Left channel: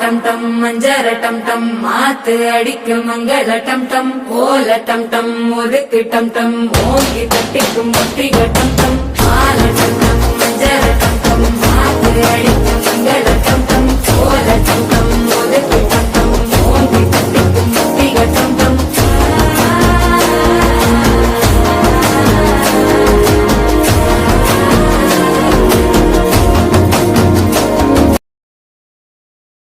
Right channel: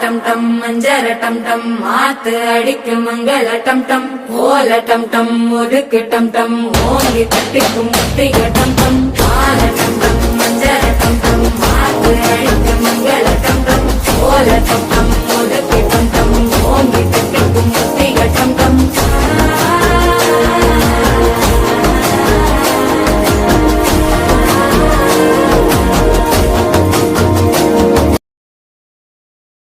டம் டம் மஞ்சர டம் டம் மாத்து அடிக்கும் மங்கள டம் டம் ஓல டம் டம் முறுக்கு டம் டம் ஓங்கி தட்டிக்கும் முட்டிக டம்